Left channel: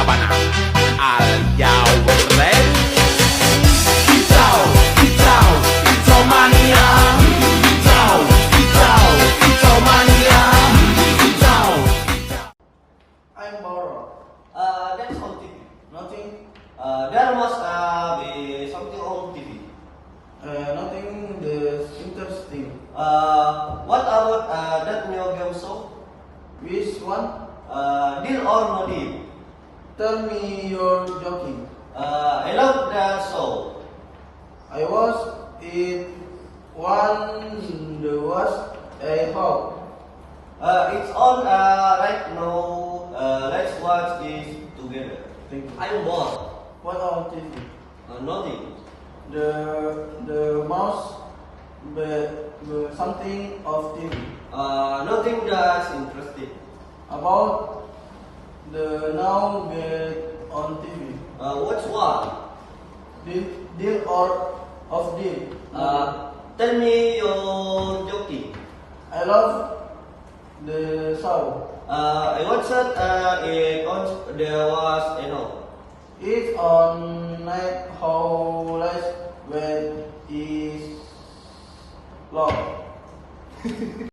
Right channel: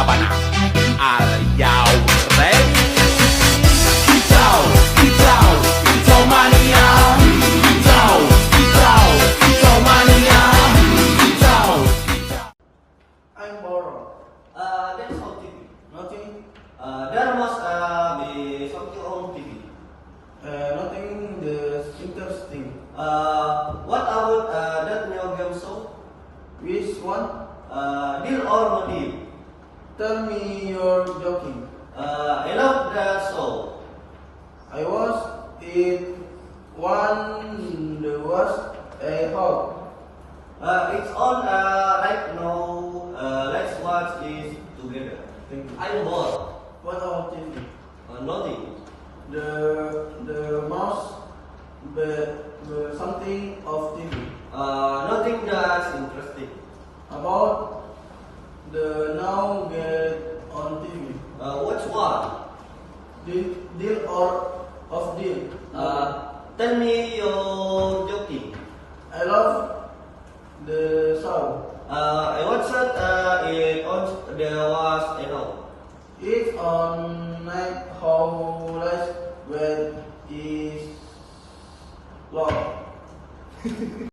Labanang. Are you ready? Kicau, kicau, kicau mania. Kicau, kicau, kicau mania. Kicau, kicau. I'm bored. That's on TV. Nothing. There must be something on TV. Nothing is interesting. What about that new game show? Which one? Deal or No Deal? Tell me you're joking. I love that show. I was it one the worst I hope. It's on right now. Let's watch this together. Thank you. I'm bored. What about TV? Nothing. The most the something of TV. Nothing that's interesting. About the now get on TV. Which one? Deal or of deal. Tell me you're joking. I love the show. I watched it on there was It's on night